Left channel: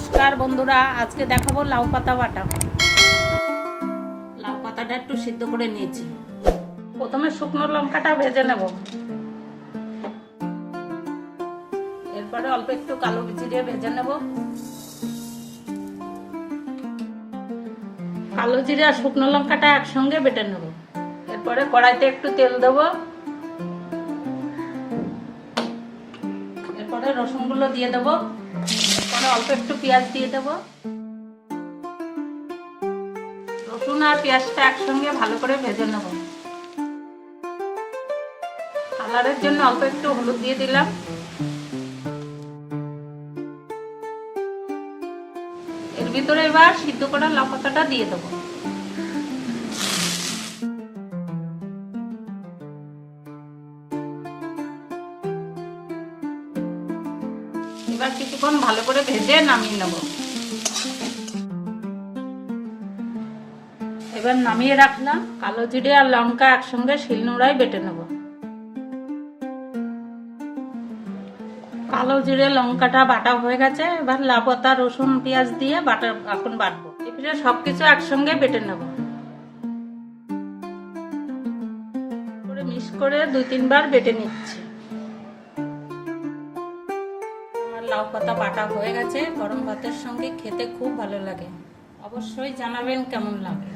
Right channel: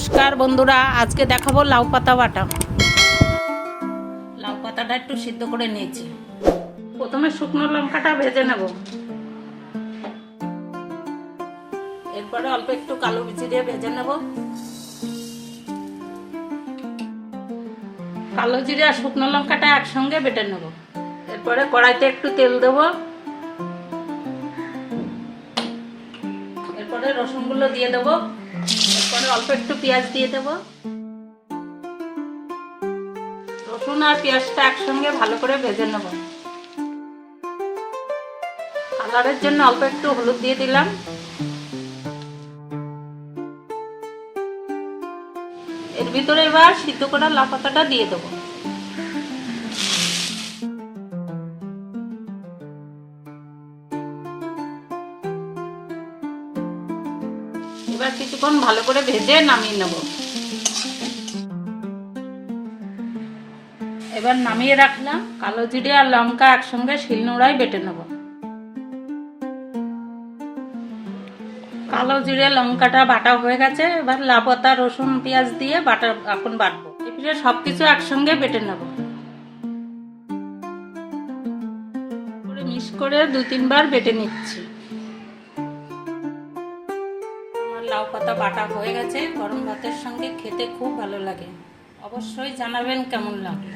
নমস্কার বন্ধুরা, আজকে দেখাবো লাউ পাতা বাটা। লাউ পাতাটা একটু সিদ্ধ করে নিয়েছি। প্রথমে শুকনো লঙ্কাটা ভেজে নেব, এরপরে অল্প একটু কালো জিরে দিয়ে ভেজে নেব। কালো জিরে আর শুকনো লঙ্কাটা একসঙ্গে বেটে নেব। এরপরে কড়াইতে একটু তেল দেব, এরপরে রসুনগুলো দিয়ে দেবো, এরপরে অল্প একটু পেঁয়াজ দিয়ে দেবো। রসুন আর পেঁয়াজটা একসঙ্গে ভালো করে ভেজে নেব। কালারের জন্য অল্প একটু হলুদ দিয়ে দিলাম। এর ভিতরে এবার সিদ্ধ করা লাউ পাতাটা দিয়ে দেবো। এবার কিছুক্ষণ ভালো করে ভেজে নামিয়ে নেব। এবার নামিয়ে রাখলাম। কালো জিরে আর লঙ্কা একসঙ্গে শিলনোড়ায় বেটে নেব। কালো জিরে লঙ্কাটা বাটা হয়ে গেছে। এবার লাউ পাতা রসুন পেঁয়াজ দিয়ে এখন বাটবো। এবারে সবকিছু একসঙ্গে বেটে নেব। মিক্স করে 2-3 বার বেটে নিচ্ছি। লাউ পাতা বাটা হয়ে গেছে। গরম ভাতের সঙ্গে খেতে খুব ভালো লাগে। অবশ্যই জানাবেন কেমন লাগে।